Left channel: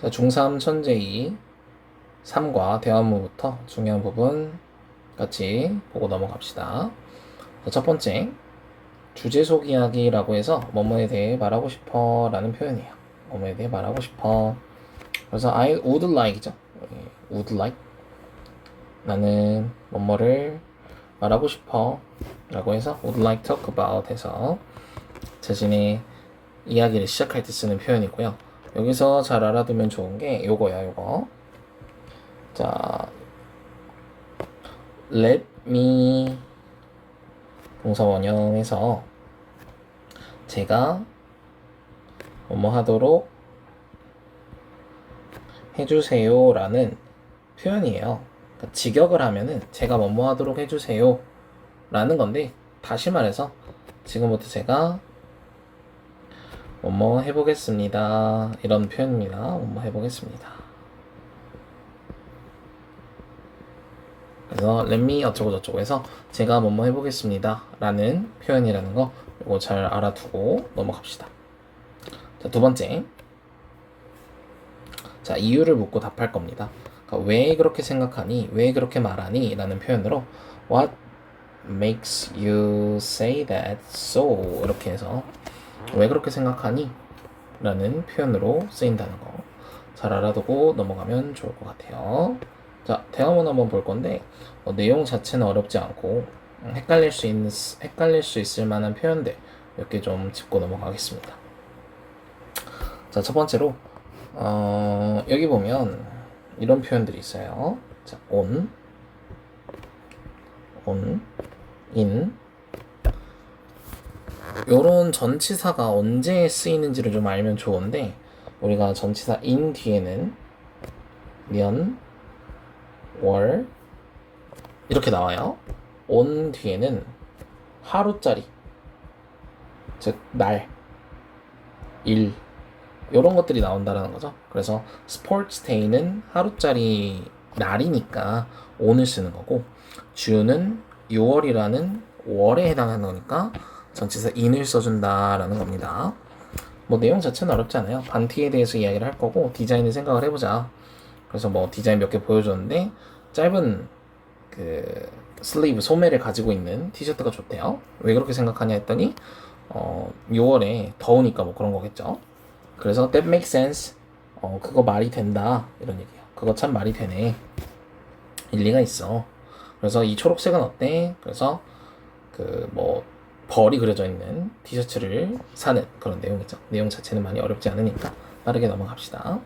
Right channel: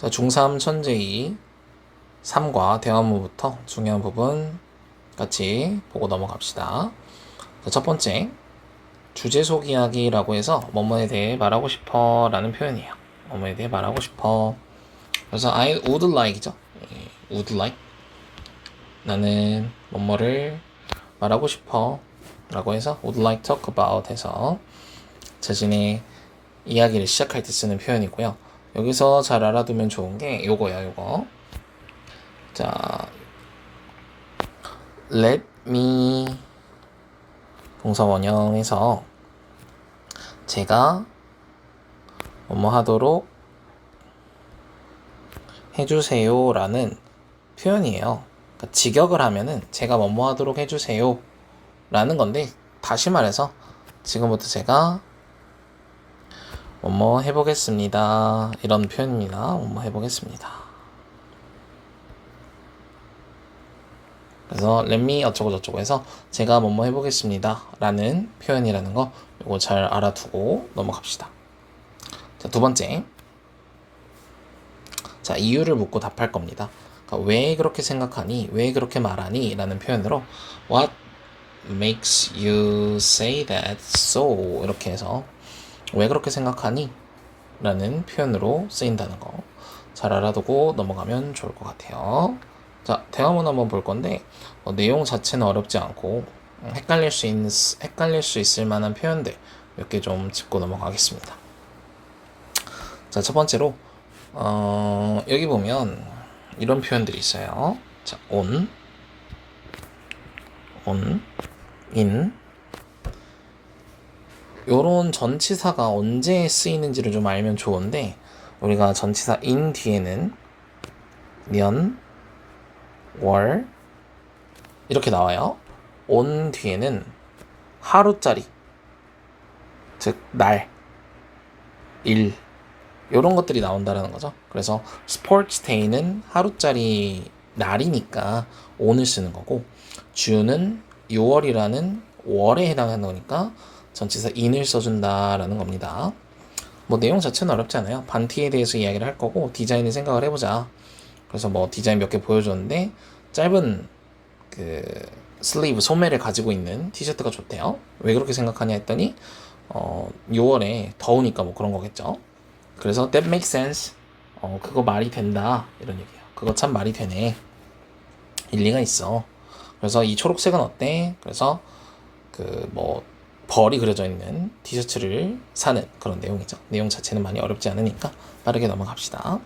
자, 중3 천재2 3과 대화문부터 중요한 부분 같이 보고 넘어갑시다. 자, 첫 번째, 주제속 이야기라고 해서 뭐뭐에 대해 말하고 싶어 라는 표현이에요. 뭐뭐에 대해 말하고 싶어. 그래서 I would like죠. would like. 나는 뭐뭐를 말하고 싶어 라고 해서 would like talk about 해서 자신의 이야기를 시작할 때 쓰는 표현이고요. 여기서 잘 알아두면 좋은 게 요거야, 요거. 자, let me 동사 원형에서 제가 뭐뭐 하도록 해주세요 라는 표현이에요. 그러니까 직역을 하면은 제가 뭐뭐 하도록 해주세요 라는 건데, 다시 말해서 지금부터 제가 뭐뭐 해보겠습니다 이런 표현입니다. 뭐뭐 해보겠습니다. 그래서 let me 어쩌고 저쩌고 해서 제가 뭐뭐 해보겠습니다 라는 표현이라는 거, 이거 잘 알아두고 넘어갑시다. 자, 두 번째, 자, 이유를 묻고 답할 겁니다. 그러니까 왜 그렇게 생각하니? 왜 그렇게 말하니? 라는 표현으로 What makes you say that so? 이렇게 해서 왜 그렇게 생각하니? 라는 표현으로 쓰인다는 거 잘 알아두고 넘어가면 좋을 것 같아요. 자, 대화문 한번 볼 건데 내용 자체는 어렵지 않고 헷갈릴 수 있을 만한 표현들 몇 개 좀 짚고 넘어가겠습니다. 자, 첫 번째로 여기 보면 이런 표현들이 있어요. 자, on, in. 요런 전치사가 언제 쓰이는지를 좀 알면 좋은데, 우리가 전치사 in 뒤에는 년, 월 이렇게 나와요. on 뒤에는 하루짜리, 즉 날, 일, 이런 것들이 나온다는 거죠. 그래서 스포츠 데이는 하루짜리 날이니까 on을 쓰는 거고, 주는 6월이라는 월에 해당하는 거니까 전치사 in을 써준다라는 겁니다. 뭐 내용 자체는 어렵지 않아요. 반티에 대해서 이야기를 할 거고 디자인을 생각을 해보자. 그래서 뭐 디자인 몇 개 보여줬는데 짧은 그 슬리브 소매를 가지고 있는 티셔츠가 좋대요. 왜 그렇게 생각하냐 했더니 6월에 더우니까 뭐 그런 거겠죠. 그래서 that makes sense. 그거 말이 된다 이런 얘기예요. 그거 참 말이 되네. 일리가 있어. 그래서 이 초록색은 어때? 그래서 그 뭐 벌이 그려져 있는 티셔츠를 사는 그런 내용이죠. 내용 자체는 많이 어렵지 않으니까 빠르게 넘어갑시다.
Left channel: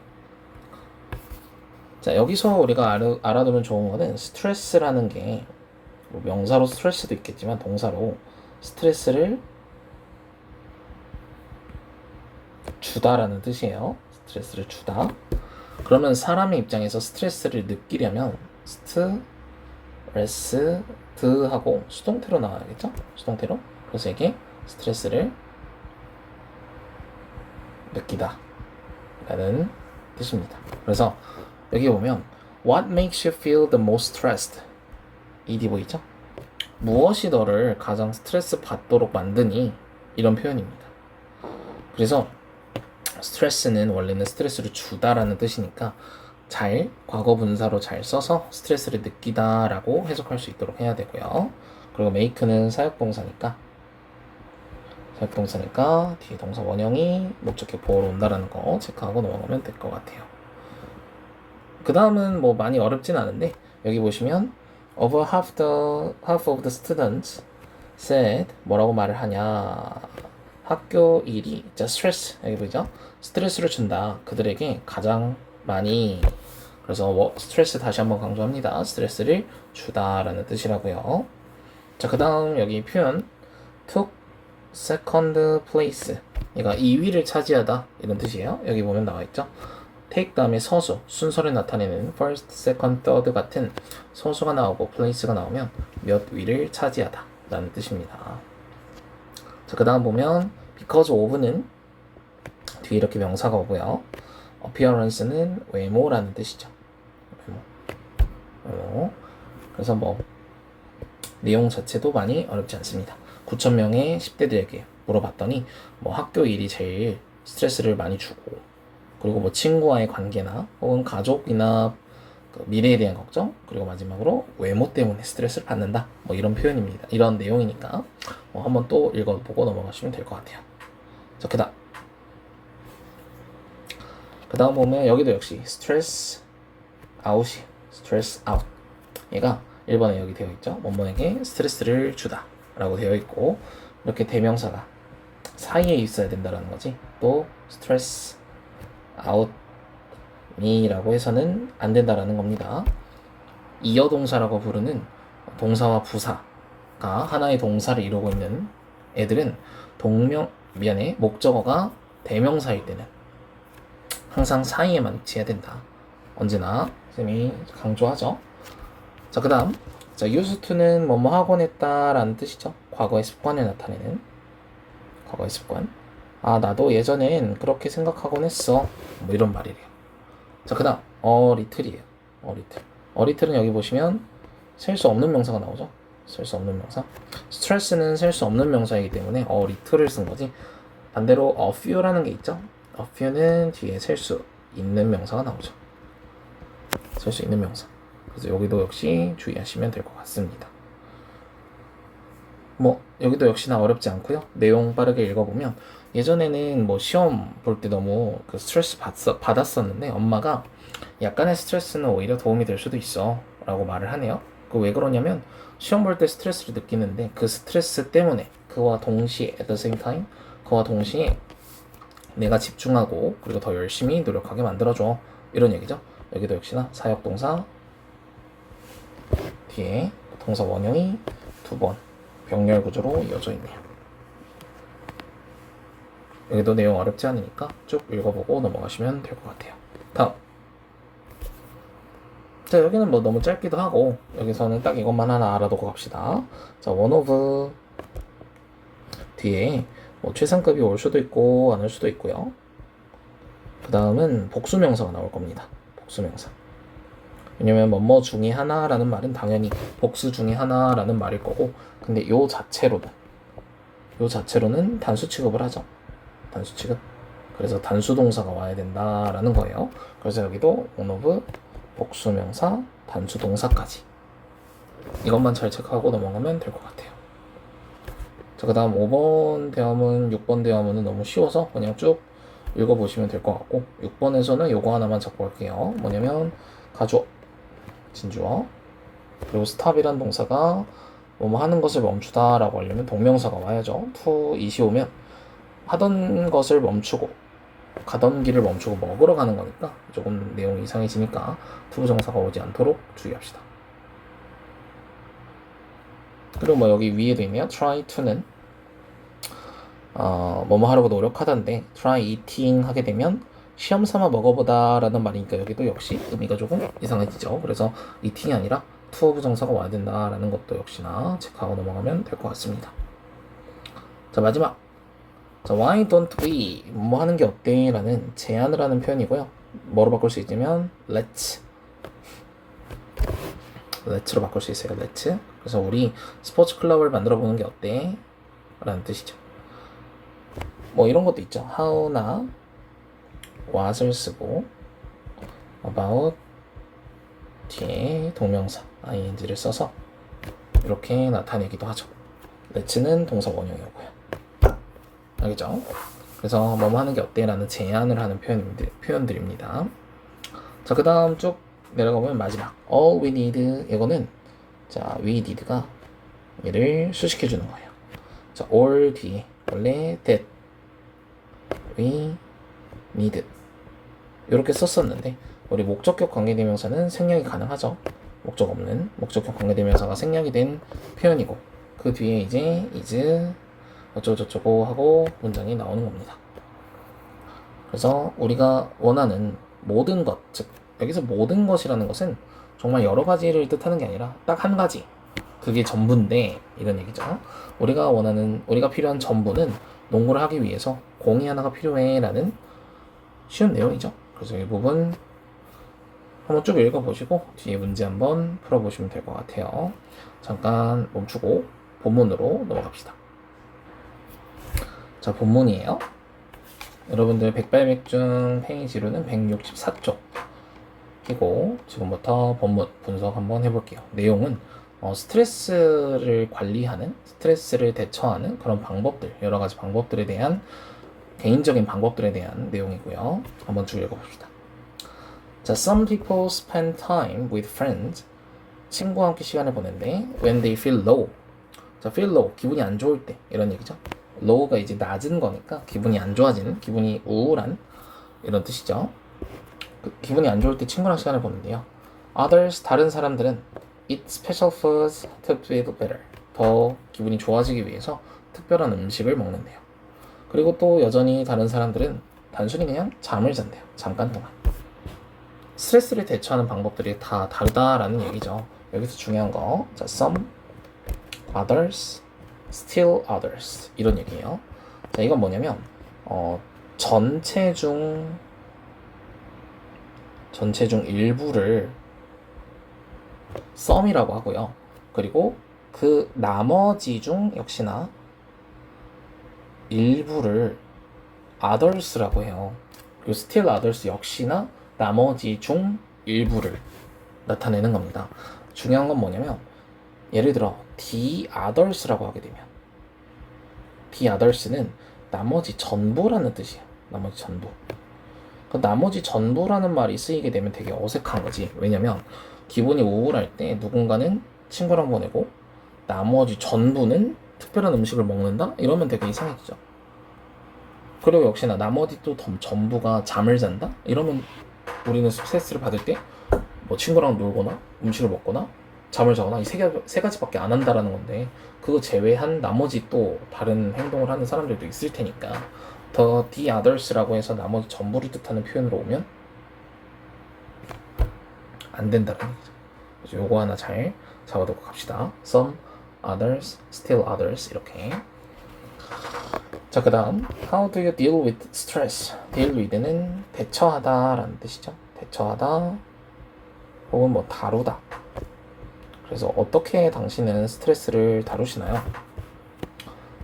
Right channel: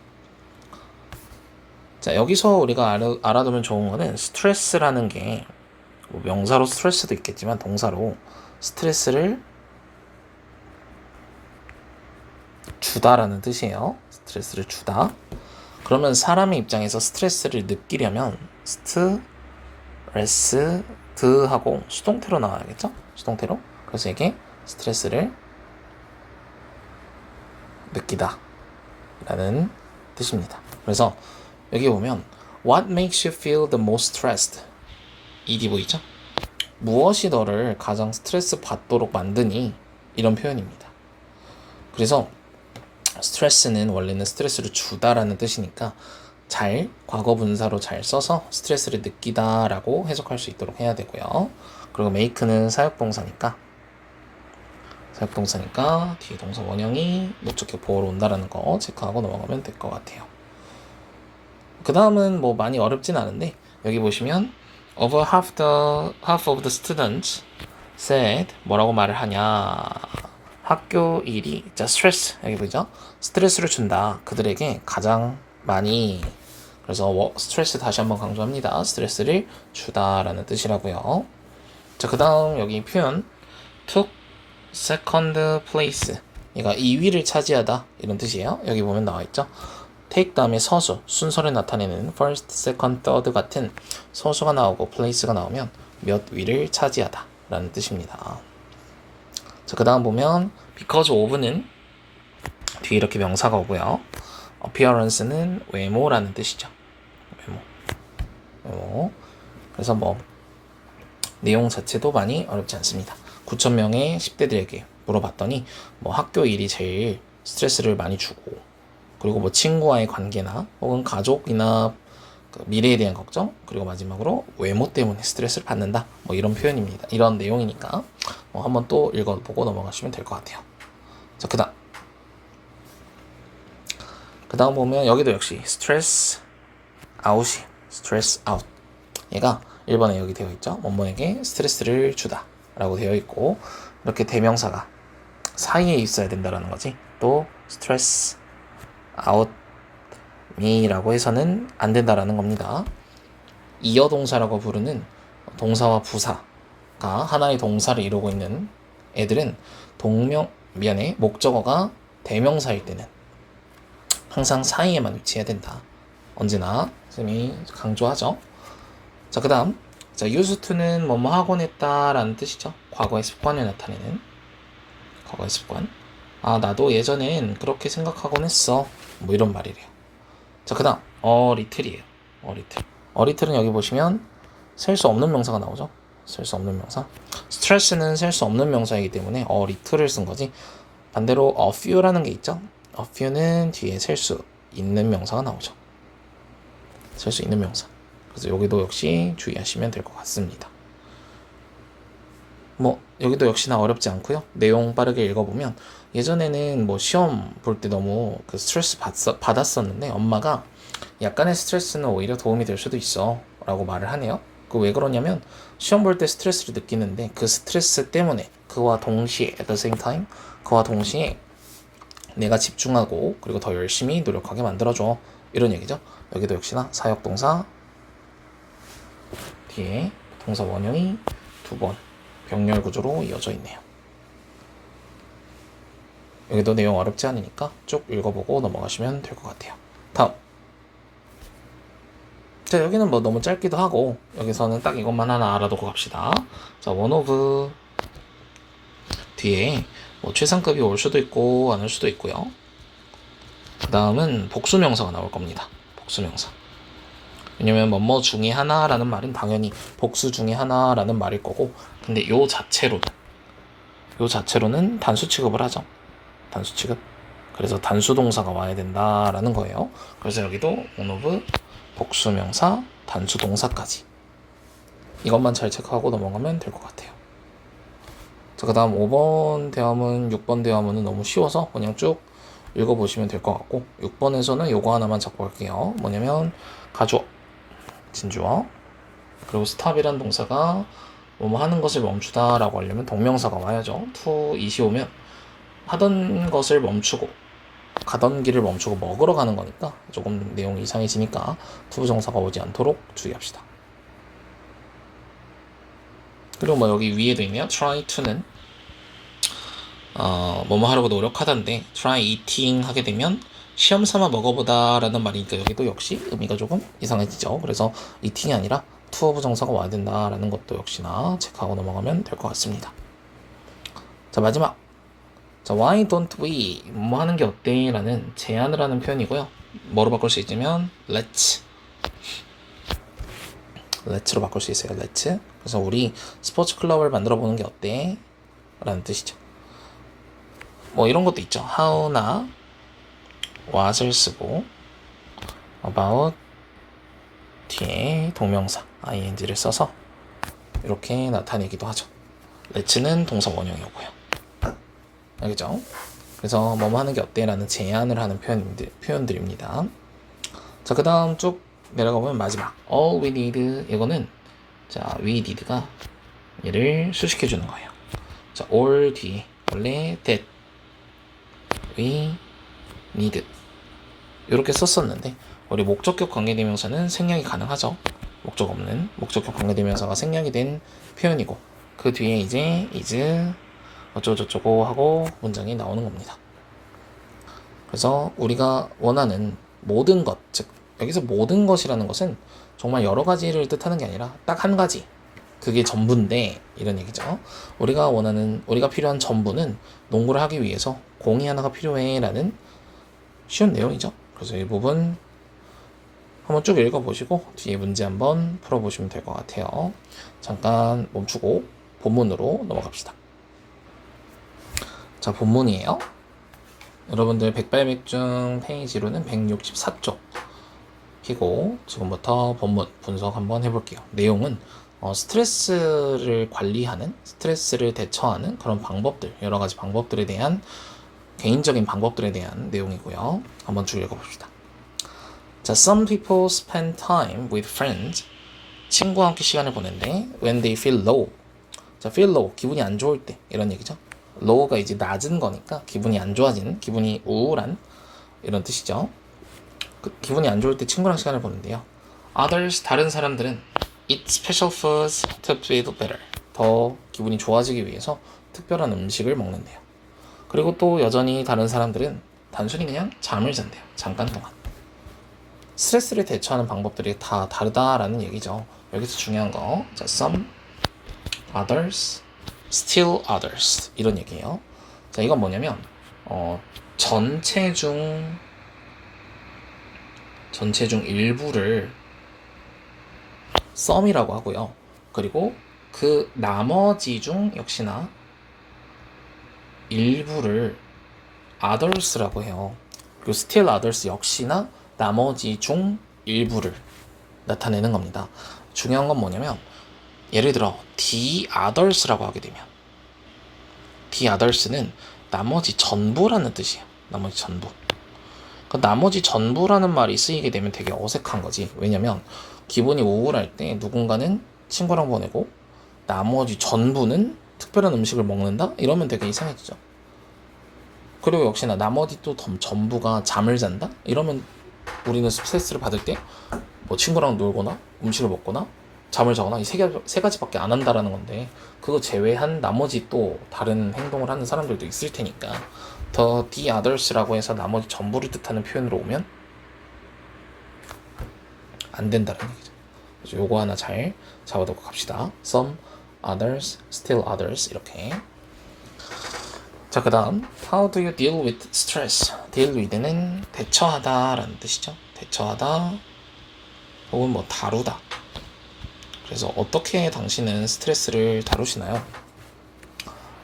자, 여기서 우리가 알아두면 좋은 거는 스트레스라는 게 뭐 명사로 스트레스도 있겠지만 동사로 스트레스를 주다라는 뜻이에요. 스트레스를 주다. 그러면 사람의 입장에서 스트레스를 느끼려면 스트레스드하고 수동태로 나와야겠죠? 수동태로. 그래서 이게 스트레스를 느끼다 라는 뜻입니다. 그래서 여기 보면 What makes you feel the most stressed? ed 보이죠? 무엇이 너를 가장 스트레스 받도록 만드니? 이런 표현입니다. 그래서 스트레스는 원래는 스트레스를 주다라는 뜻이니까 잘 과거 분사로 잘 써서 스트레스를 느끼다 라고 해석할 수 있도록 해야 되고요. 그리고 make는 사역동사니까 뒤에 동사 원형이 목적격 보호로 온다라는 거 체크하고 넘어가면 될 것 같아요. 그 다음은 뭐 많이 어렵진 않은데, 여기 보시면 over half of the students said 뭐라고 말을 하냐, 학교 일이 자 스트레스, 여기 보죠? 스트레스를 준다, 그들에게 가장 많이. 그래서 스트레스 다시 한번 강조합니다. 스트레스를 주다라는 뜻이라고요. 자, 그 다음 여기 표현 took second place, 얘가 2위를 차지하다 이런 뜻이에요. 여기 보면 나와있죠. take 다음에 서수, 순서를 나타내는 first, second, third 같은 서수가 나오고 place가 나오면 몇 위를 차지하다 라는 뜻입니다. 자, 그 다음 보면 because of는 뒤에 이렇게 명사가 오고요. appearance는 외모라는 뜻이죠. 외모. 그래서 뭐 내용 자체도 많이 어렵지 않습니다. 9,000명의 10대들에게 물어봤더니 뭐 학교 일이 제일 스트레스를 많이 주고 그리고 뭐 친구와의 관계나 혹은 가족이나 그 미래에 대한 걱정, 그리고 마지막으로 외모 때문에 스트레스를 받는다. 뭐 이런 표현입니다. 이런 내용이니까 한번 또 읽어보고 넘어가시면 될 것 같아요. 자, 그다음 보면 여기도 역시 스트레스 아웃이 스트레스 아웃. 얘가 1번에 여기 되어 있죠. 뭐뭐에게 스트레스를 주다 라고 되어 있고, 이렇게 대명사가 사이에 있어야 된다라는 거지. 또 스트레스 아웃 미라고 해서는 안 된다라는 겁니다. 이어동사라고 부르는 동사와 부사가 하나의 동사를 이루고 있는 애들은 목적어가 대명사일 때는 항상 사이에만 위치해야 된다. 언제나 선생님이 강조하죠. 자, 그 다음, 자, used to는 뭐뭐 하곤 했다라는 뜻이죠. 과거의 습관을 나타내는 과거의 습관. 아, 나도 예전엔 그렇게 생각하곤 했어. 뭐 이런 말이래요. 자, 그 다음, little이에요. little. 은 여기 보시면 셀 수 없는 명사가 나오죠. 셀 수 없는 명사. 스트레스는 셀 수 없는 명사이기 때문에 little을 쓴 거지. 반대로 a few라는 게 있죠. a few는 뒤에 셀 수 있는 명사가 나오죠. 셀 수 있는 명사. 그래서 여기도 역시 주의하시면 될 것 같습니다. 뭐 여기도 역시나 어렵지 않고요. 내용 빠르게 읽어보면 예전에는 뭐 시험 볼 때 너무 그 스트레스 받았었는데 엄마가 약간의 스트레스는 오히려 도움이 될 수도 있어 라고 말을 하네요. 그 왜 그러냐면 시험 볼 때 스트레스를 느끼는데 그 스트레스 때문에 그와 동시에 at the same time 그와 동시에 내가 집중하고 그리고 더 열심히 노력하게 만들어줘 이런 얘기죠. 여기도 역시나 사역동사 뒤에 동사 원형이 2번 병렬 구조로 이어져 있네요. 여기도 내용 어렵지 않으니까 쭉 읽어보고 넘어가시면 될 것 같아요. 다음. 자, 여기는 뭐 너무 짧기도 하고 여기서는 딱 이것만 하나 알아두고 갑시다. 자, one of 뒤에 뭐 최상급이 올 수도 있고 안 올 수도 있고요. 그 다음은 복수명사가 나올 겁니다. 복수명사. 왜냐면 뭐뭐 중에 하나라는 말은 당연히 복수 중에 하나라는 말일 거고, 근데 요 자체로는 단수 취급을 하죠. 단수 취급. 그래서 단수 동사가 와야 된다라는 거예요. 그래서 여기도 one of 복수명사 단수 동사까지 이것만 잘 체크하고 넘어가면 될 것 같아요. 자, 그 다음 5번 대화문 6번 대화문은 너무 쉬워서 그냥 쭉 읽어보시면 될 것 같고, 6번에서는 요거 하나만 잡고 갈게요. 뭐냐면 가주어 진주어, 그리고 스탑이란 동사가 뭐뭐 하는 것을 멈추다 라고 하려면 동명사가 와야죠. to 이시 오면 하던 것을 멈추고 가던 길을 멈추고 먹으러 가는 거니까 조금 내용이 이상해지니까 to 부정사가 오지 않도록 주의합시다. 그리고 뭐 여기 위에도 있네요. try to는 뭐뭐 하려고 노력하던데 try eating 하게 되면 시험 삼아 먹어보다 라는 말이니까 여기도 역시 의미가 조금 이상해지죠. 그래서 eating이 아니라 to 부정사가 와야 된다라는 것도 역시나 체크하고 넘어가면 될 것 같습니다. 자, 마지막. 자, why don't we 뭐 하는 게 어때? 라는 제안을 하는 표현이고요. 뭐로 바꿀 수 있냐면 let's로 바꿀 수 있어요. let's. 그래서 우리 스포츠 클럽을 만들어 보는 게 어때? 라는 뜻이죠. 뭐 이런 것도 있죠. how나 what을 쓰고 about 뒤에 동명사 ing를 써서 이렇게 나타내기도 하죠. let's는 동사 원형이고요. 알겠죠? 그래서 뭐뭐 하는 게 어때? 라는 제안을 하는 표현들입니다. 자, 그 다음 쭉 내려가보면 마지막 all we need, 이거는 자, we need가 얘를 수식해주는 거예요. 자, all 뒤에 원래 that we need 이렇게 썼었는데 우리 목적격 관계대명사는 생략이 가능하죠. 목적 없는 목적격 관계대명사가 생략이 된 표현이고, 그 뒤에 이제 is 어쩌고저쩌고 하고 문장이 나오는 겁니다. 그래서 우리가 원하는 모든 것, 즉 여기서 모든 것이라는 것은 정말 여러 가지를 뜻하는 게 아니라 딱 한 가지, 그게 전부인데 이런 얘기죠. 우리가 필요한 전부는 농구를 하기 위해서 공이 하나가 필요해 라는 쉬운 내용이죠. 그래서 이 부분 한번 쭉 읽어보시고 뒤에 문제 한번 풀어보시면 될 것 같아요. 잠깐 멈추고 본문으로 넘어갑시다. 자, 본문이에요. 여러분들 백발백중 페이지로는 164쪽 피고 지금부터 본문 분석 한번 해볼게요. 내용은 스트레스를 관리하는, 스트레스를 대처하는 그런 방법들, 여러 가지 방법들에 대한 개인적인 방법들에 대한 내용이고요. 한번 쭉 읽어봅시다. 자, some people spend time with friends. 친구와 함께 시간을 보낸대. When they feel low. 자, feel low, 기분이 안 좋을 때 이런 얘기죠. low가 이제 낮은 거니까 기분이 안 좋아지는, 기분이 우울한 이런 뜻이죠. 기분이 안 좋을 때 친구랑 시간을 보낸대요. Others, 다른 사람들은 eat special foods to feel better. 더 기분이 좋아지기 위해서 특별한 음식을 먹는데요. 그리고 또 여전히 다른 사람들은 단순히 그냥 잠을 잔대요. 잠깐 동안. 스트레스를 대처하는 방법들이 다 다르다라는 얘기죠. 여기서 중요한 거, 자, some, others, still others 이런 얘기예요. 자, 이건 뭐냐면 전체 중 일부를 some이라고 하고요. 그리고 그 나머지 중 역시나 일부를 others라고 해요. 그리고 still others 역시나 나머지 중 일부를 나타내는 겁니다. 중요한 건 뭐냐면 예를 들어 the others라고 하게 되면 the others는 나머지 전부라는 뜻이에요. 나머지 전부. 그 나머지 전부라는 말이 쓰이게 되면 되게 어색한 거지. 왜냐면 기분이 우울할 때 누군가는 친구랑 보내고 나머지 전부는 특별한 음식을 먹는다? 이러면 되게 이상해지죠. 그리고 역시나 나머지 또 전부가 잠을 잔다? 이러면 우리는 스트레스를 받을 때 뭐 친구랑 놀거나 음식을 먹거나 잠을 자거나 이 세 가지밖에 안 한다라는 건데 그거 제외한 나머지 또 다른 행동을 하는 사람들도 있을 테니까 더 the others라고 해서 나머지 전부를 뜻하는 표현으로 오면 안 된다는 얘기죠. 그래서 요거 하나 잘 잡아두고 갑시다. some, others, still others 이렇게. 자, 그 다음 how do you deal with stress? deal with는 대처하다 라는 뜻이죠. 대처하다 혹은 뭐 다루다. 그래서 어떻게 당신은 스트레스를 다루시나요?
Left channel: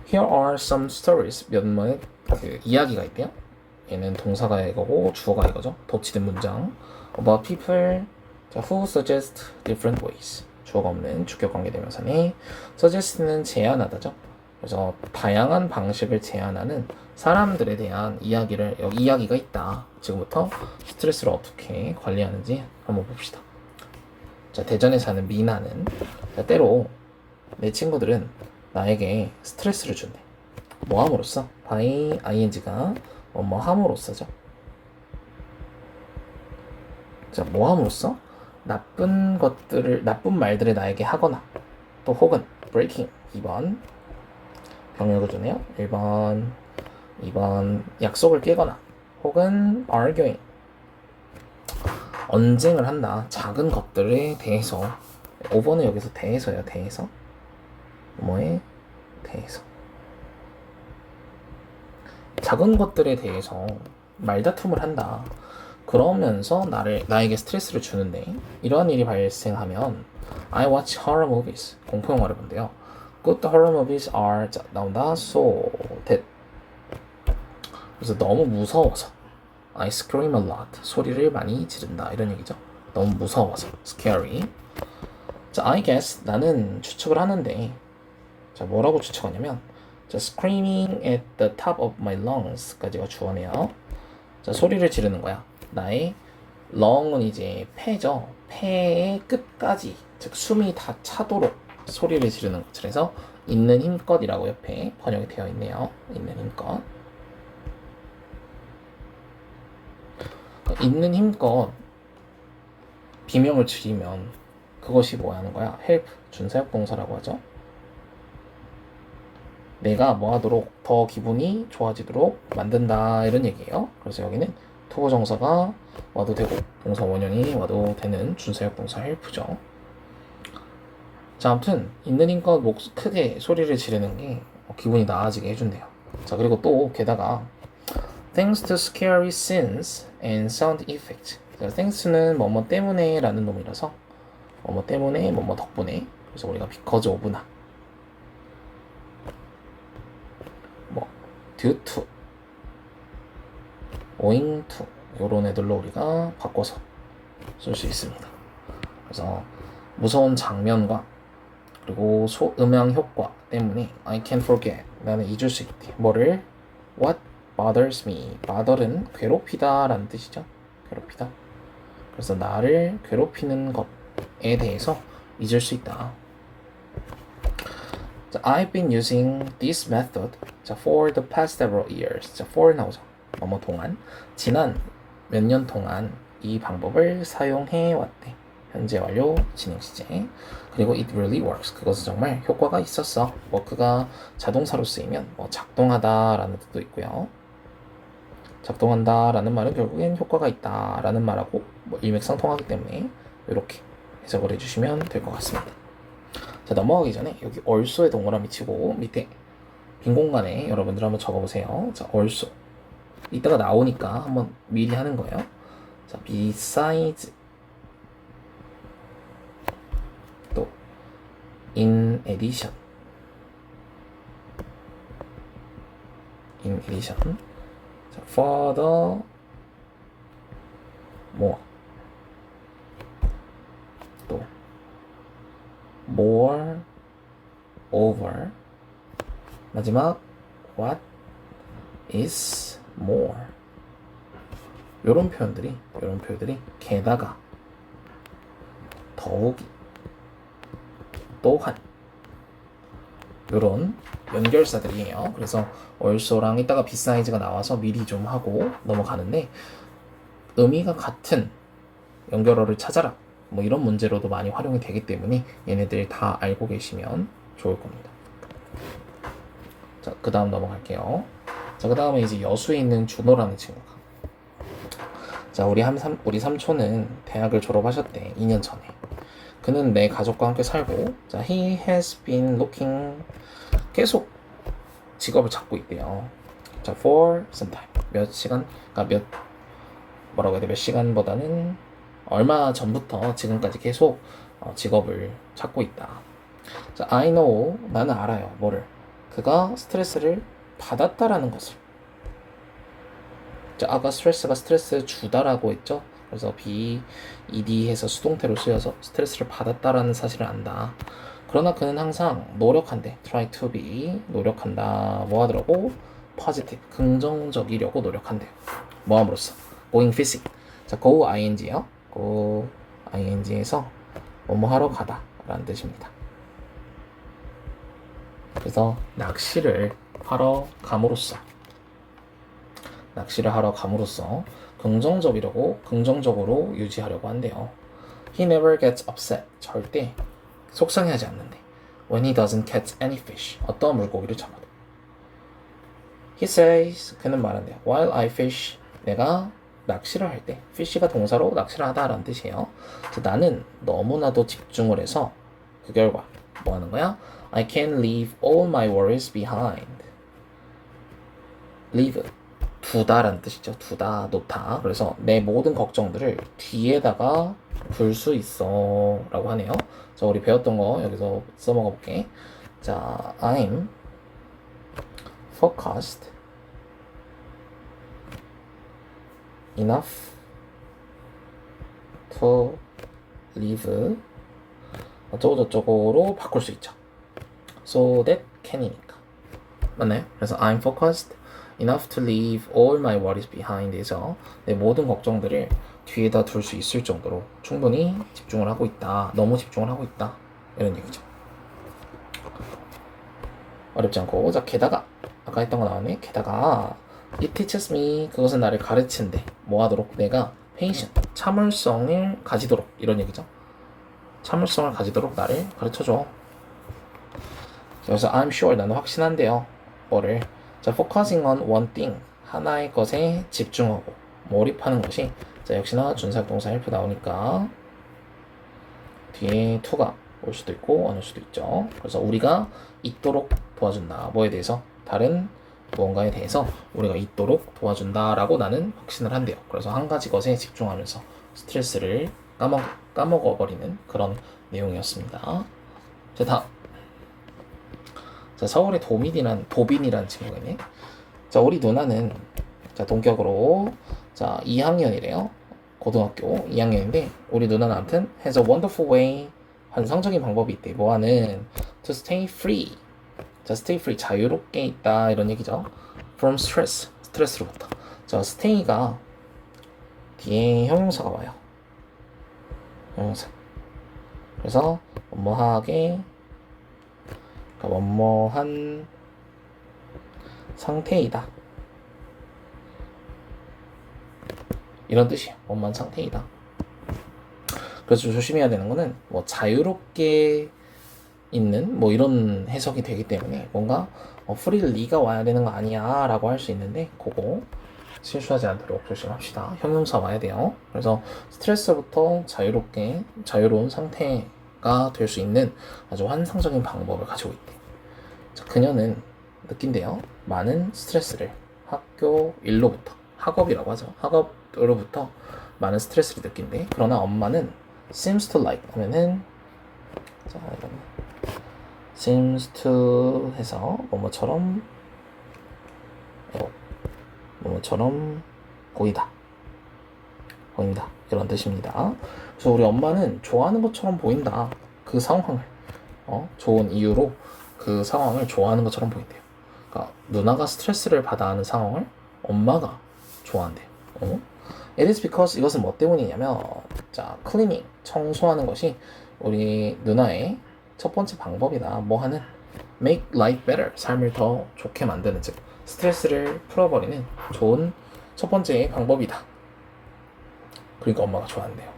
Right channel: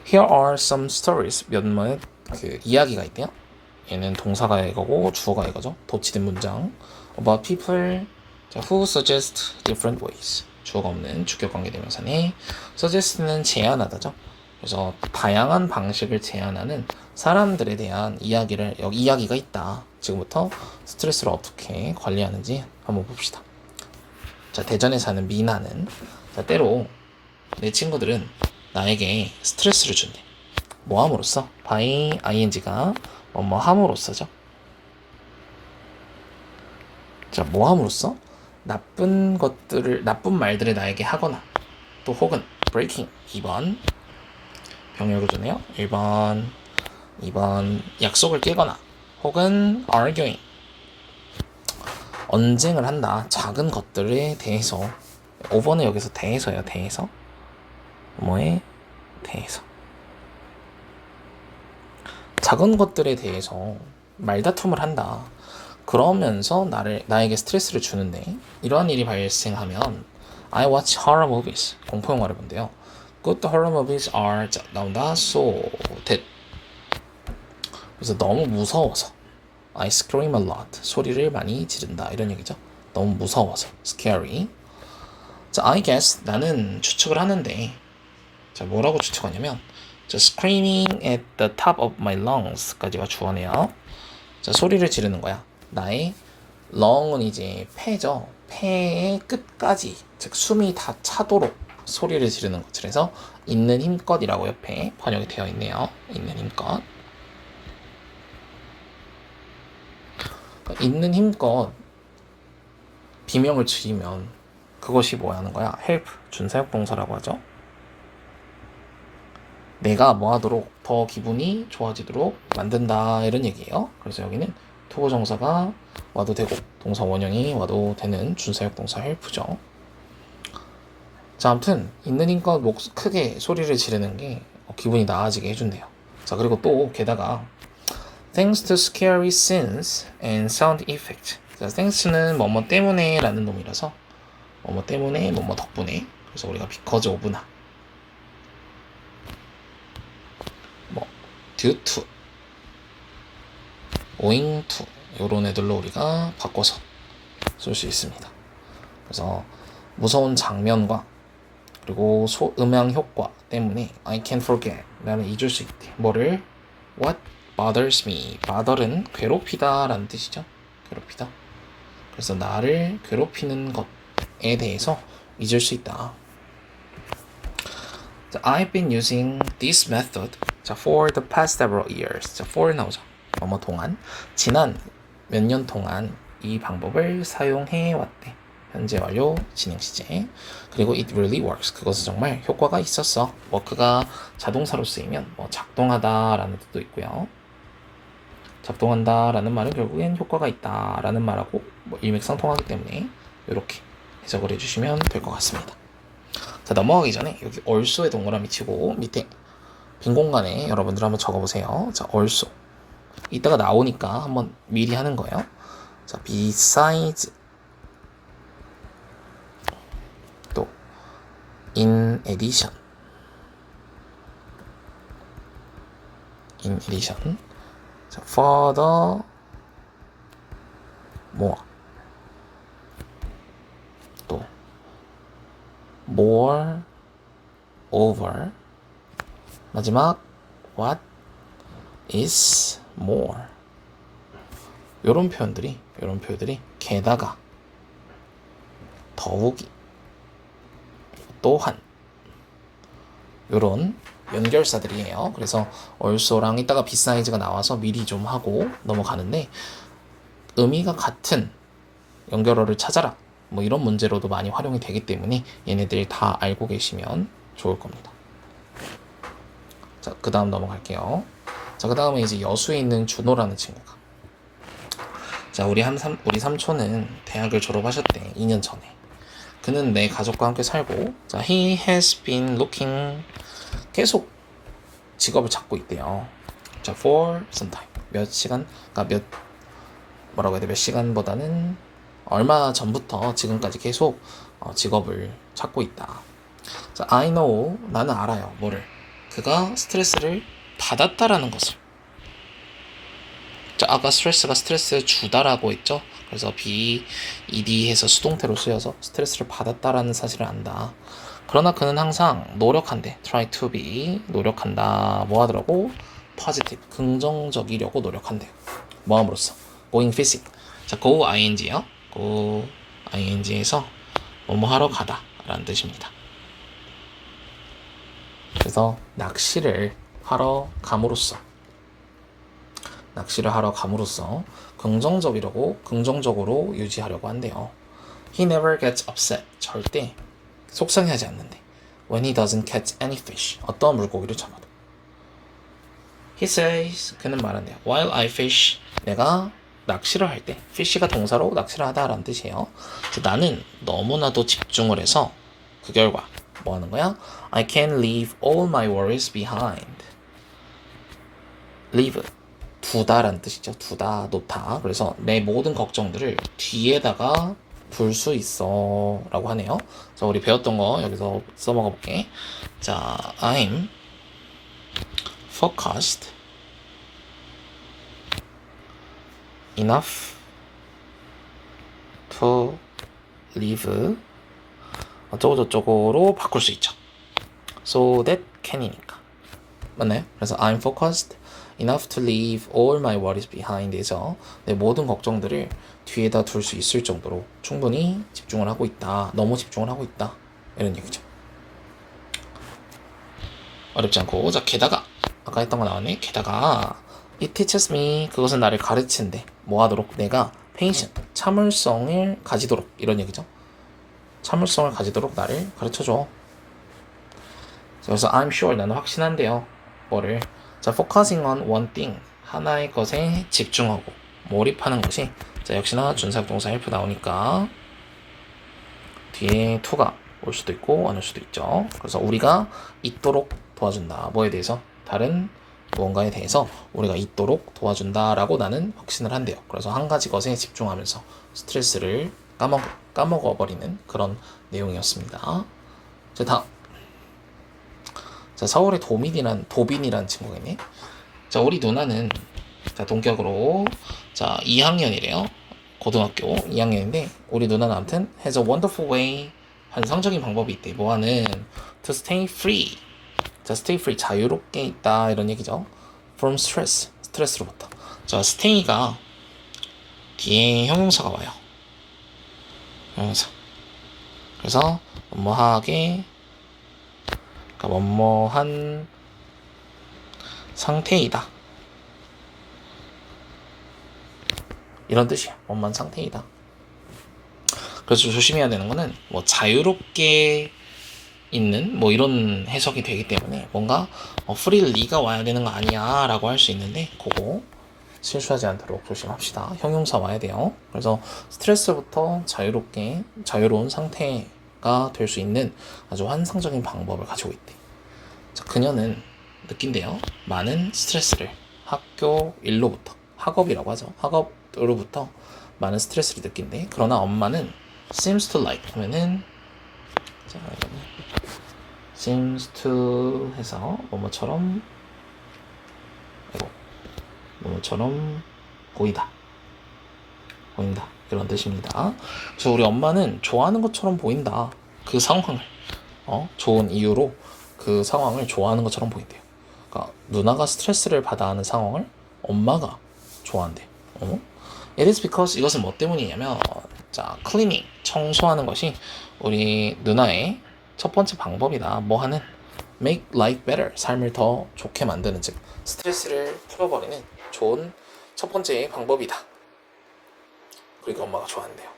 Here are some stories. 몇몇 그 이야기가 있대요. 얘는 동사가 이거고 주어가 이거죠. 덧치된 문장. About people who suggest different ways. 주어가 없는 주격 관계대명사네. suggest는 제안하다죠. 그래서 다양한 방식을 제안하는 사람들에 대한 여기 이야기가 있다. 지금부터 스트레스를 어떻게 관리하는지 한번 봅시다. 자, 대전에 사는 미나는 자, 때로 내 친구들은 나에게 스트레스를 준대. 뭐 함으로써? by ing가 뭐 함으로써죠. 자, 뭐 함으로써? 나쁜 말들을 나에게 하거나 또 혹은 breaking 2번 병 읽어주네요. 2번 약속을 깨거나 혹은 arguing 언쟁을 한다. 작은 것들에 대해서 5번은 여기서 대해서요. 대해서 뭐에 대해서 작은 것들에 대해서 말다툼을 한다. 그러면서 나에게 스트레스를 주는데 이러한 일이 발생하면 I watch horror movies 공포 영화를 본대요. Good horror movies are 나온다. So that 그래서 너무 무서워서 I scream a lot 소리를 많이 지른다 이런 얘기죠. 너무 무서워서 scary. 자, I guess 나는 추측을 하는데 자, 뭐라고 추측하냐면 자, screaming at the top of my lungs까지가 주어네요. 자, 소리를 지르는 거야. 나의 lung은 이제 폐죠. 폐의 끝까지 즉 숨이 다 차도록 소리를 지르는 것. 그래서 있는 힘껏이라고 옆에 번역이 되어 있네요. 있는 힘껏. 있는 힘껏 비명을 지르면 그것이 뭐 하는 거야? help, 준사역 동사라고 하죠. 내가 뭐 하도록 더 기분이 좋아지도록 만든다 이런 얘기예요. 그래서 여기는 투부정사가 와도 되고 동사 원형이 와도 되는 준사역 동사 help죠. 자, 아무튼 있는 힘껏 크게 소리를 지르는 게 기분이 나아지게 해준대요. 자, 그리고 또 게다가 Thanks to scary scenes and sound effect. 자, thanks는 뭐뭐 때문에 라는 놈이라서 뭐뭐 때문에 뭐뭐 덕분에 그래서 우리가 because of나 뭐 due to owing to 요런 애들로 우리가 바꿔서 쓸 수 있습니다. 그래서 무서운 장면과 그리고 소음향 효과 때문에 I can't forget 나는 잊을 수 있대. 뭐를? What bothers me. bother은 괴롭히다 라는 뜻이죠. 괴롭히다. 그래서 나를 괴롭히는 것에 대해서 잊을 수 있다. 자, I've been using this method for the past several years. 자, for 나오죠. 뭐뭐 동안 지난 몇 년 동안 이 방법을 사용해 왔대. 현재 완료 진행 시제. 그리고 it really works. 그것은 정말 효과가 있었어. work가 자동사로 쓰이면 뭐 작동하다라는 뜻도 있고요. 작동한다라는 말은 결국엔 효과가 있다라는 말하고 뭐 일맥상통하기 때문에 이렇게 해석을 해주시면 될 것 같습니다. 자, 넘어가기 전에 여기 also에 동그라미 치고 밑에 빈 공간에 여러분들 한번 적어보세요. 자, also 이따가 나오니까 한번 미리 하는 거예요. 자, besides 또 in addition 자, further more 또 more over 마지막 what is more 요런 표현들이 게다가 더욱이 또한 요런 연결사들이에요. 그래서 also랑 이따가 beside가 나와서 미리 좀 하고 넘어가는데 의미가 같은 연결어를 찾아라 뭐 이런 문제로도 많이 활용이 되기 때문에 얘네들 다 알고 계시면 좋을 겁니다. 자, 그 다음 넘어갈게요. 자, 그 다음에 이제 여수에 있는 준호라는 친구가 자, 우리 삼촌은 대학을 졸업하셨대. 2년 전에. 그는 내 가족과 함께 살고 자, he has been looking 계속 직업을 찾고 있대요. 자, for some time 몇 시간 그러니까 몇 시간보다는 얼마 전부터 지금까지 계속 직업을 찾고 있다. 자, I know 나는 알아요. 뭐를? 그가 스트레스를 받았다라는 것을. 자, 아까 스트레스 주다라고 했죠. 그래서 ed 해서 수동태로 쓰여서 스트레스를 받았다라는 사실을 안다. 그러나 그는 항상 노력한대. try to be 노력한다. 뭐 하더라고? positive 긍정적이려고 노력한대. 뭐 함으로써? going physic. 자, go ing요. go ing에서 뭐뭐 하러 가다 라는 뜻입니다. 그래서 낚시를 하러 감으로써 긍정적으로 유지하려고 한대요. He never gets upset. 절대 속상해하지 않는데. When he doesn't catch any fish. 어떤 물고기를 잡아도. He says. 그는 말한대요. While I fish. 내가 낚시를 할 때. fish가 동사로 낚시를 하다라는 뜻이에요. 나는 너무나도 집중을 해서 그 결과 뭐 하는 거야? I can leave all my worries behind. leave. 두다라는 뜻이죠. 두다, 놓다. 그래서 내 모든 걱정들을 뒤에다가 둘 수 있어 라고 하네요. 자, 우리 배웠던 거 여기서 써먹어 볼게. 자, I'm focused enough to live 어쩌고저쩌고로 바꿀 수 있죠. so that can이니까 맞나요? 그래서 I'm focused enough to leave all my worries behind에서 내 모든 걱정들을 뒤에다 둘 수 있을 정도로 충분히 집중을 하고 있다. 너무 집중을 하고 있다. 이런 얘기죠. 어렵지 않고. 자, 게다가 아까 했던 거 나왔네. 게다가 it teaches me 그것은 나를 가르친대. 뭐 하도록? 내가 patience 참을성을 가지도록 이런 얘기죠. 참을성을 가지도록 나를 가르쳐줘. 그래서 I'm sure 나는 확신한데요. 뭐를? 자, focusing on one thing 하나의 것에 집중하고 몰입하는 것이 자, 역시나 준사역동사 help 나오니까 뒤에 to가 올 수도 있고 안 올 수도 있죠. 그래서 우리가 있도록 도와준다. 뭐에 대해서? 다른 무언가에 대해서 우리가 있도록 도와준다라고 나는 확신을 한대요. 그래서 한 가지 것에 집중하면서 스트레스를 까먹어버리는 그런 내용이었습니다. 자, 다음. 자, 서울의 도빈이란 친구가 있네. 자, 우리 누나는 자, 동격으로. 자, 2학년이래요. 고등학교 2학년인데, 우리 누나는 아무튼, has a wonderful way. 환상적인 방법이 있대. 뭐하는? to stay free. 자, stay free. 자유롭게 있다. 이런 얘기죠. from stress. 스트레스로부터. 자, stay가 뒤에 형용사가 와요. 형용사. 그래서, 뭐뭐하게, 그러니까 뭐뭐한 상태이다. 이런 뜻이야. 원만 상태이다. 그래서 조심해야 되는 거는 뭐 자유롭게 있는 뭐 이런 해석이 되기 때문에 뭔가 프릴 리가 와야 되는 거 아니야 라고 할 수 있는데 그거 실수하지 않도록 조심합시다. 형용사 와야 돼요. 그래서 스트레스부터 자유롭게 자유로운 상태가 될 수 있는 아주 환상적인 방법을 가지고 있대. 자, 그녀는 느낀대요. 많은 스트레스를 학교 일로부터 학업이라고 하죠. 학업으로부터 많은 스트레스를 느낀대. 그러나 엄마는 seems to like 하면은 자 이거는 seems to 해서 뭐뭐처럼 보이다 그런 뜻입니다. 그래서 우리 엄마는 좋아하는 것처럼 보인다. 그 상황을 좋은 이유로 그 상황을 좋아하는 것처럼 보인대요. 그러니까 누나가 스트레스를 받아 하는 상황을 엄마가 좋아한대요. It is because 이것은 뭐 때문이냐면 자, cleaning 청소하는 것이 우리 누나의 첫 번째 방법이다. 뭐 하는 make life better 삶을 더 좋게 만드는 즉 스트레스를 풀어버리는 좋은 첫 번째 방법이다. 그리고 엄마가 좋아한대요.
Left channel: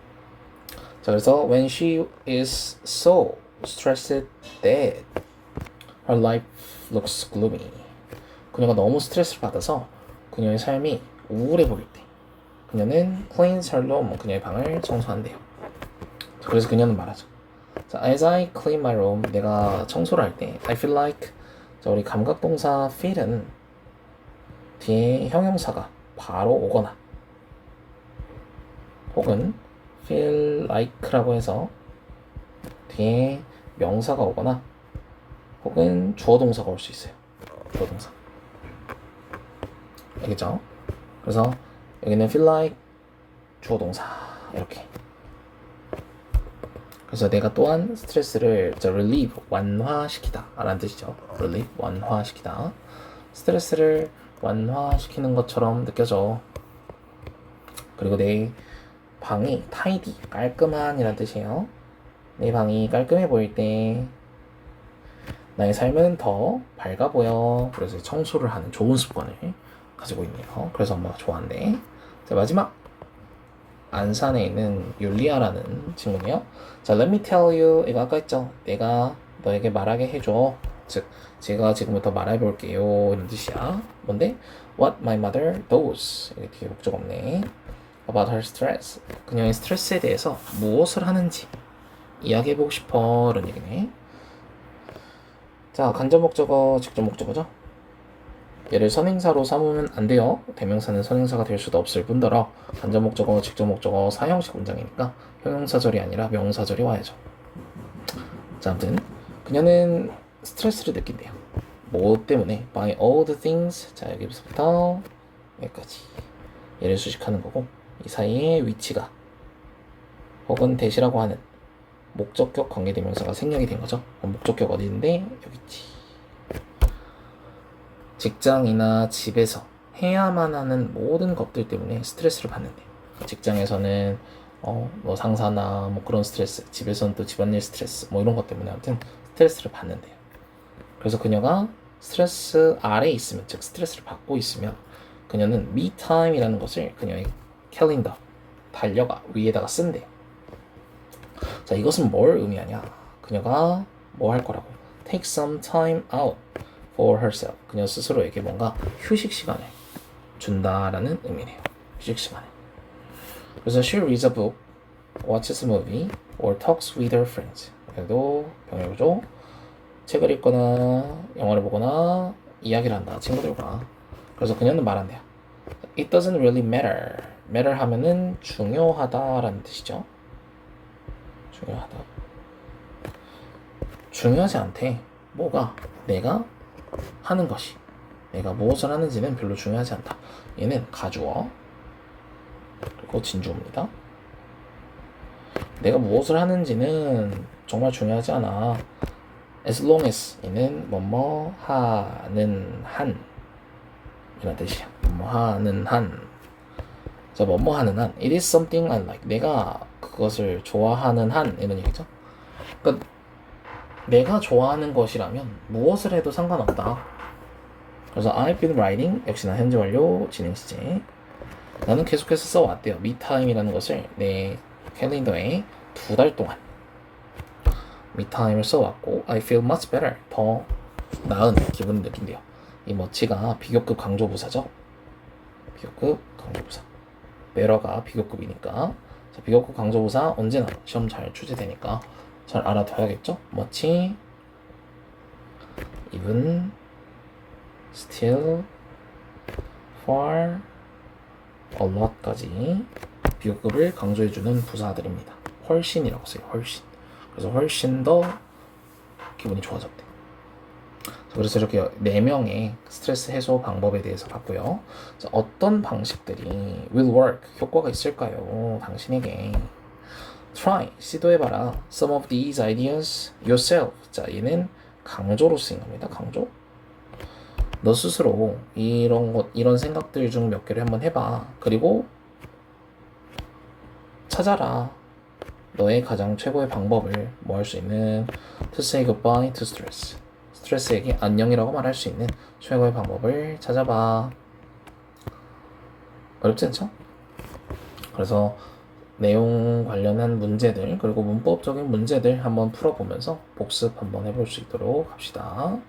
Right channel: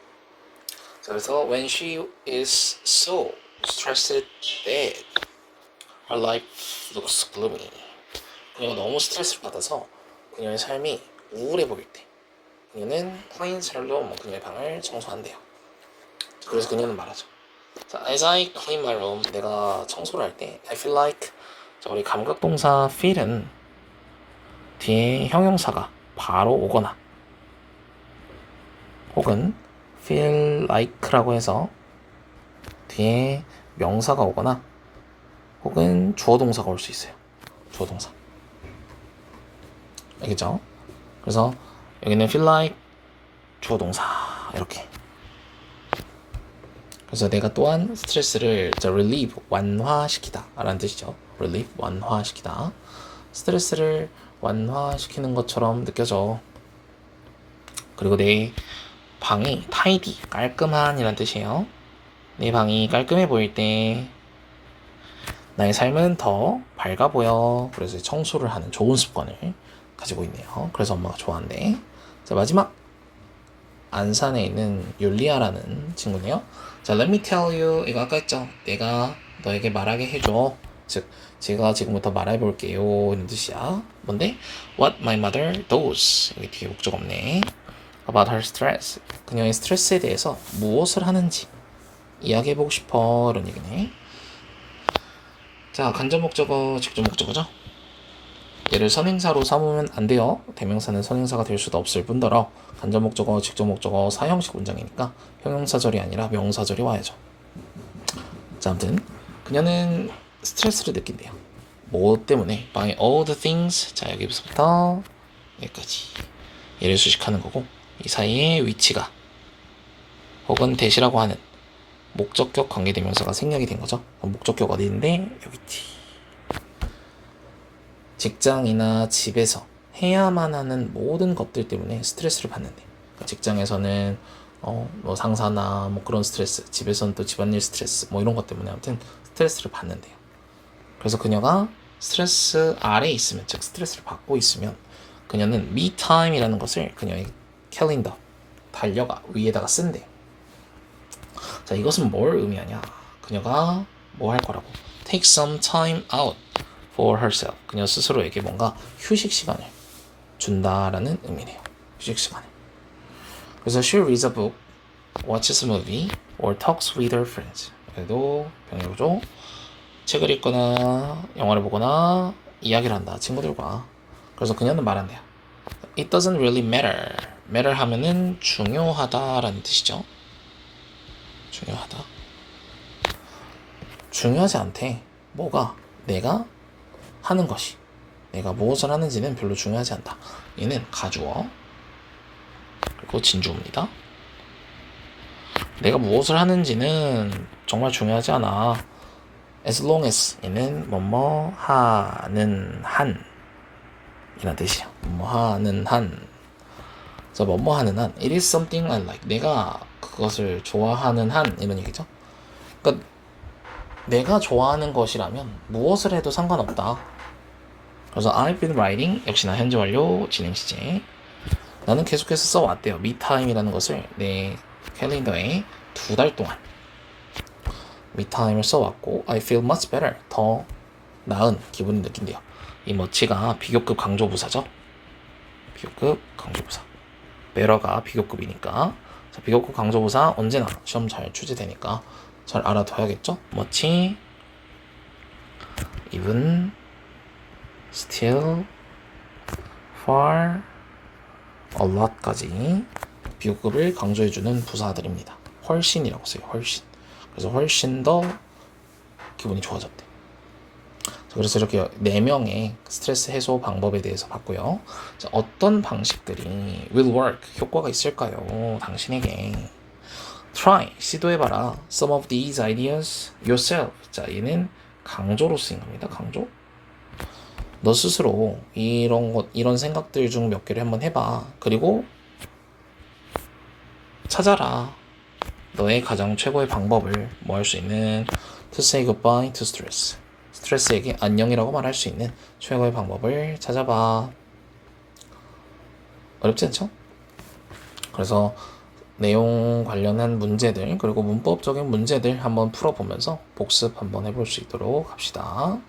자, 그래서 when she is so stressed that her life looks gloomy. 그녀가 너무 스트레스를 받아서 그녀의 삶이 우울해 보일 때 그녀는 cleans her room, 그녀의 방을 청소한대요. 자, 그래서 그녀는 말하죠. 자, as I clean my room, 내가 청소를 할 때 I feel like 자, 우리 감각동사 feel은 뒤에 형용사가 바로 오거나 혹은 feel like라고 해서 뒤에 명사가 오거나 혹은 주어 동사가 올 수 있어요. 주어 동사. 알겠죠? 그래서 여기는 feel like 주어 동사 이렇게. 그래서 내가 또한 스트레스를 relieve 완화시키다 라는 뜻이죠. relieve 완화시키다. 스트레스를 완화시키는 것처럼 느껴져. 그리고 내 방이 tidy 깔끔한 이란 뜻이에요. 내 방이 깔끔해 보일 때 나의 삶은 더 밝아 보여. 그래서 청소를 하는 좋은 습관을 가지고 있네요. 그래서 엄마가 좋아한대. 자, 마지막 안산에 있는 율리아라는 친구네요. 자, let me tell you. 이거 아까 했죠. 내가 너에게 말하게 해줘. 즉, 제가 지금부터 말해볼게요. 이런 뜻이야. 뭔데? What my mother does. 여기 뒤에 목적 없네. About her stress. 그녀의 스트레스에 대해서 무엇을 하는지 이야기해보고 싶어. 이런 얘기네. 자, 간접 목적어, 직접 목적어죠. 얘를 선행사로 삼으면 안 돼요. 대명사는 선행사가 될 수도 없을 뿐더러 간접 목적어, 직접 목적어, 사형식 문장이니까 형용사절이 아니라 명사절이 와야죠. 자, 아무튼 그녀는 스트레스를 느낀대요. 뭐 때문에? By all the things. 자, 여기서부터 여기까지 얘를 수식하는 거고 이 사이에 위치가 혹은 대시라고 하는 목적격 관계대명사가 생략이 된 거죠. 목적격 어디 있는데 여기 있지. 직장이나 집에서 해야만 하는 모든 것들 때문에 스트레스를 받는데 직장에서는 뭐 상사나 뭐 그런 스트레스, 집에서는 또 집안일 스트레스 뭐 이런 것 때문에 아무튼 스트레스를 받는데요. 그래서 그녀가 스트레스 아래에 있으면 즉 스트레스를 받고 있으면 그녀는 me time이라는 것을 그녀의 캘린더 달력아 위에다가 쓴대요. 자, 이것은 뭘 의미하냐? 그녀가 뭐 할 거라고? Take some time out for herself. 그녀 스스로에게 뭔가 휴식 시간을 준다라는 의미네요. 휴식 시간을. 그래서 she reads a book, watches a movie, or talks with her friends. 그래도 병역으로 책을 읽거나 영화를 보거나 이야기를 한다. 친구들과. 그래서 그녀는 말한대요. It doesn't really matter. matter 하면은 중요하다라는 뜻이죠. 중요하다. 중요하지 않대. 뭐가? 내가 하는 것이. 내가 무엇을 하는지는 별로 중요하지 않다. 얘는 가주어 그리고 진주어입니다. 내가 무엇을 하는지는 정말 중요하지 않아. As long as 얘는 뭐뭐 하는 한 이런 뜻이야. 뭐뭐 하는 한. 그래서 뭐뭐 하는 한. It is something I like. 내가 그것을 좋아하는 한 이런 얘기죠. 그러니까 내가 좋아하는 것이라면 무엇을 해도 상관없다. 그래서 I've been writing 역시나 현재 완료 진행 시제. 나는 계속해서 써왔대요. 미타임이라는 것을 내 캘린더에 2달 동안 미타임을 써왔고 I feel much better. 더 나은 기분을 느낀대요. 이 much가 비교급 강조부사죠. 비교급 강조부사. better가 비교급이니까. 자, 비교급 강조부사 언제나 시험 잘 출제되니까 잘 알아둬야겠죠. much, even, still, far, a lot까지 비교급을 강조해주는 부사들입니다. 훨씬이라고 써요. 훨씬. 그래서 훨씬 더 기분이 좋아졌대. 그래서 이렇게 4명의 스트레스 해소 방법에 대해서 봤고요. 자, 어떤 방식들이 will work, 효과가 있을까요? 당신에게. Try, 시도해봐라. Some of these ideas yourself. 자, 얘는 강조로 쓰인 겁니다. 강조. 너 스스로 이런 생각들 중 몇 개를 한번 해봐. 그리고 찾아라. 너의 가장 최고의 방법을 뭐 할 수 있는 to say goodbye to stress. 스트레스에게 안녕이라고 말할 수 있는 최고의 방법을 찾아봐. 어렵지 않죠? 그래서 내용 관련한 문제들 그리고 문법적인 문제들 한번 풀어보면서 복습 한번 해볼 수 있도록 합시다.